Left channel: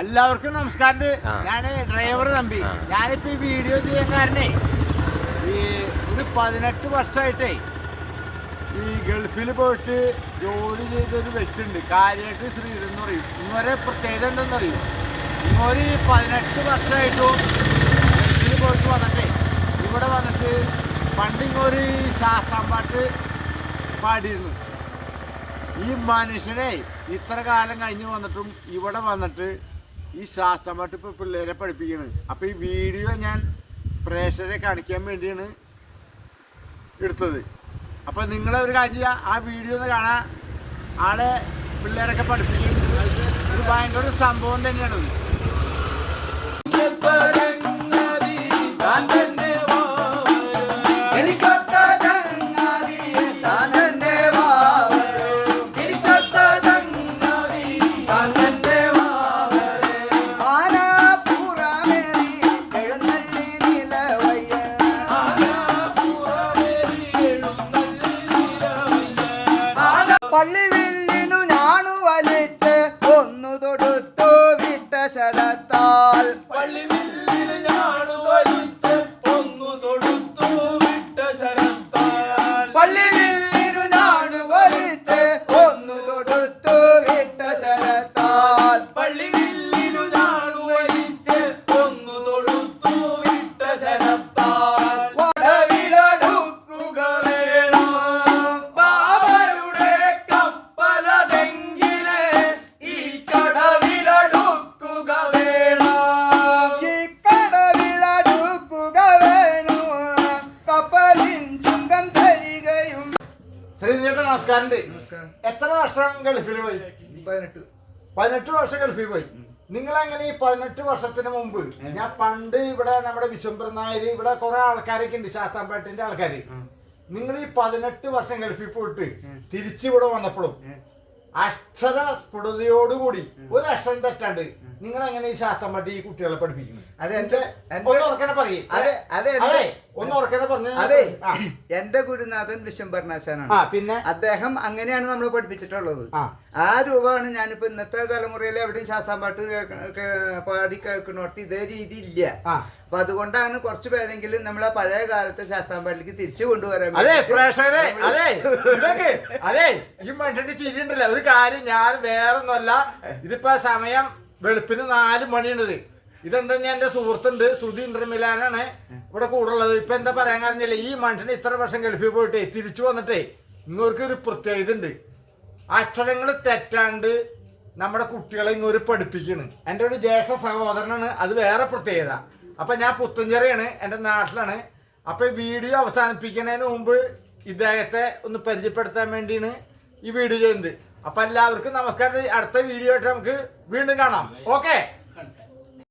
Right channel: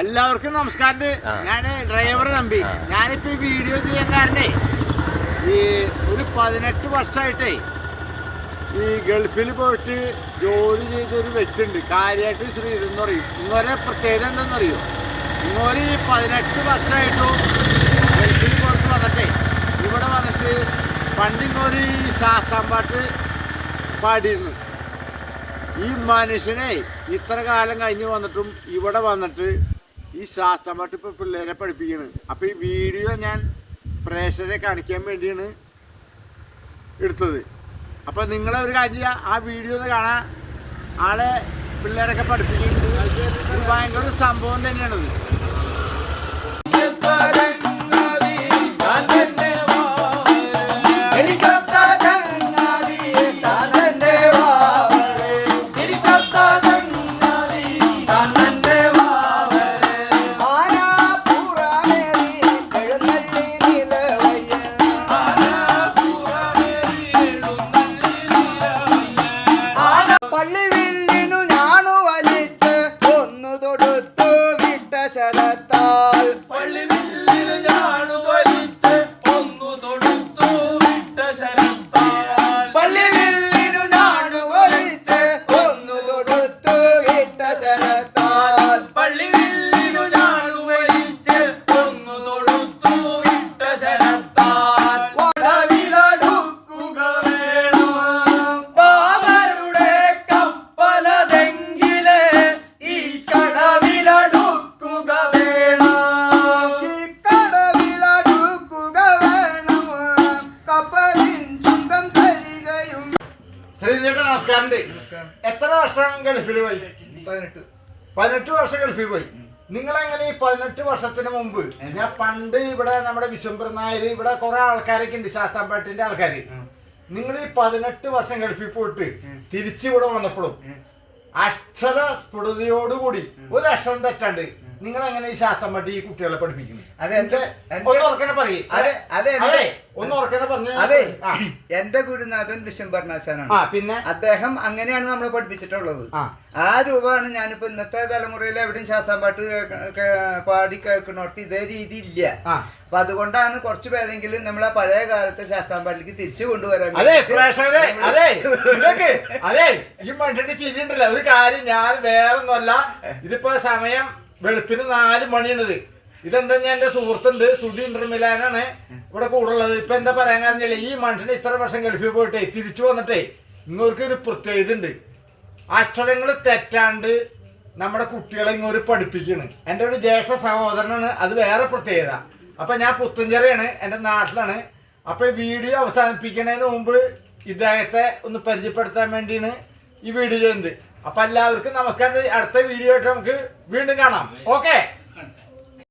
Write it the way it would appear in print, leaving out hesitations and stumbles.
എല്ലാവർക്കും നമസ്കാരം. ഞാൻ ഡ്രൈവർ തമ്പി. ഞാനിപ്പോ ഈ വീഡിയോ ചെയ്യാൻ കാരണേ ഈ ഒരു 18 വർഷമായിട്ടേ ഈ ഗൾഫിൽ പോയിട്ട് ജോലി ചെയ്തൊരു വ്യക്തി ഉണ്ട്, കാര്യമായിട്ട് ശ്രീധരൻ എന്ന് പറയും. ഇങ്ങോരെ പ്രത്യേകത എന്തെന്നറിയും, ഇങ്ങോര് 18 വർഷമായിട്ടും ഗൾഫിൽ പോയിട്ട് വന്നിട്ടേ ഇവിടെ വന്നിട്ട് പണ്ട് ഇങ്ങോര് ഈ ശാസ്ത്രം പാട്ട് പാടിയിരുന്നു. ഈ മനുഷ്യനെ ഇത്ര കാലം കഴിഞ്ഞ് വന്നിട്ടും ഇവിടെ വന്നിട്ട് ഈ ശാസ്ത്രമായിട്ട് ഇപ്പോൾ പിള്ളേരെ പഠിപ്പിക്കുന്നത്. അപ്പോൾ ഈ വീഡിയോ ഞാൻ പ്രേക്ഷകരെ കാണിക്കാൻ വേണ്ടിയാണ് എടുത്തത്. അപ്പോൾ നിങ്ങളൊരു കാര്യം ആ വീഡിയോ ഒന്ന് കാണാൻ, ആളെ പിള്ളേരൊക്കെ പഠിപ്പിക്കുന്നത് ഭയങ്കര ഒരു സംഭവം തന്നെയാണത്. പള്ളിവില്ലിനു ഞാണു വലിച്ച് ഒന്നു തൊടുത്തു വിട്ട ശരത്താൽ പള്ളിവില്ലിനു ഞാണു വലിച്ച് ഒന്നു തൊടുത്തു വിട്ട ശരത്താൽ പള്ളിവില്ലിനു ഞാണു വലിച്ച് ഒന്നു തൊടുത്തു വിട്ട ശരത്താൽ പള്ളിവില്ലിനു ഞാണു വലിച്ച് ഒന്നു തൊടുത്തു വിട്ട ശരത്താൽ വടവിലൊടുക്കുക വേണം ബാബരുടെ കപ്പലതെങ്കിലേ ഈ കടവിലടുക്കുക വേണം, ഈ കടവിലടുക്കുക വേണം, കപ്പലിൻ ചുങ്കം തരികയും. ശ്രീധരൻ നമസ്കാരം. എത്ര വർഷം ഗൾഫിൽ പോയി? 18 വർഷം ഗൾഫിൽ പോയി. നിങ്ങളെങ്ങനെ ഈ 18 വർഷത്തിന് മുമ്പ്, ഞാൻ പണ്ട് ഇവിടെ നമ്മുടെ വിശ്വംബർ നായർ, ഇവിടെ കുറെ ആൾക്കാരൊക്കെ ഉണ്ട്, ശാസ്താംപാട്ടിന്റെ ആൾക്കാര്. നിങ്ങൾ ഈ 18 വർഷം ഗൾഫിൽ പോയിട്ട് തിരിച്ചിവിടെ വന്നപ്പോഴും അക്ഷര സ്ഫുടതയോടുകൂടി ഒരു അക്ഷരം തെറ്റാണ്ട് നിങ്ങൾ എങ്ങനെ ഈ ശാസ്താംപാട്ട് ഈ കുട്ടികളെ പഠിപ്പിക്കുന്നു? ഒന്ന് ഉറക്കനെ പറയേ. ഒന്ന് ഉറക്കനെ പറഞ്ഞു. അതെ, എന്റെ ഗുരുനാഥൻ വിശ്വംഭരണാശാനാണ്. പിന്നെ അദ്ദേഹം അങ്ങനെയാണ് നമ്മൾ പഠിപ്പിച്ചിട്ടുള്ളത്. ആ രൂപമാണ് ഞാനിപ്പോ ഇന്നത്തെ തലമുറയിൽ എവിടെയും ശാസ്താംപാട്ട് പാടി കേൾക്കണോട്ട് ഇതേ രീതി ഇല്ല. അപ്പൊ അതുകൊണ്ടാണ് കുറച്ചു പേരെങ്കിലും നമ്മളെ പഴയ കാലത്തെ ശാസ്താംപാട്ടിലേക്ക് തിരിച്ചു കൊണ്ടുവരാൻ. അതെ പ്രേക്ഷകരെ, അതെ ഈ മനുഷ്യന്റെ ചിരിയുണ്ടല്ലോ. ഒരു കാര്യം, ഞാൻ വേറൊന്നുമല്ല, ഇതിപ്പോ സമയം വെളുപ്പിന് 4 മണിയാണിത്. ഇതെന്താ, ഞാൻ എന്റെ സുഹൃത്തുണ്ട് സുധി ഇന്റർമിലാനാണ് ഇവിടെ കൂടുള്ളത്. ഇപ്പൊ എന്താ പറയാൻ കാരണല്ലേ, ഈ മനുഷ്യന് ഇത്ര വർഷം ഗൾഫിൽ പോയിട്ടേ തിരിച്ചു വന്നിട്ടേ ഇങ്ങോർക്ക് ഒരു പ്രത്യേകത ഉണ്ട്. അക്ഷരങ്ങൾ തെറ്റാണ്ട് നമ്മുടെ കുട്ടികളെ ഇങ്ങോട്ട് പഠിപ്പിക്കുന്നു. എൻ്റെ ഒരു ജ്യേഷ്ഠ സഹോദരനാണ്, അത് വേറെ പ്രത്യേകത. അപ്പൊ ഞാൻ പുത്തഞ്ചേരിയാണ്, എൻ്റെ നാട്ടിലാണ്. അപ്പൊ ഈ വീഡിയോ അവസാനിപ്പിക്കുന്നതിന് മുമ്പ് ഇദ്ദേഹത്തെ ഒന്ന് പരിചയപ്പെടുത്താൻ വേണ്ടിയാണ് ഈ വീഡിയോ ചെയ്യുന്നത്. അപ്പൊ എല്ലാവർക്കും നമസ്കാരം. അടുത്ത വീഡിയോ ആയിട്ട് നമുക്ക് വീണ്ടും കാണാം. ഓക്കെ.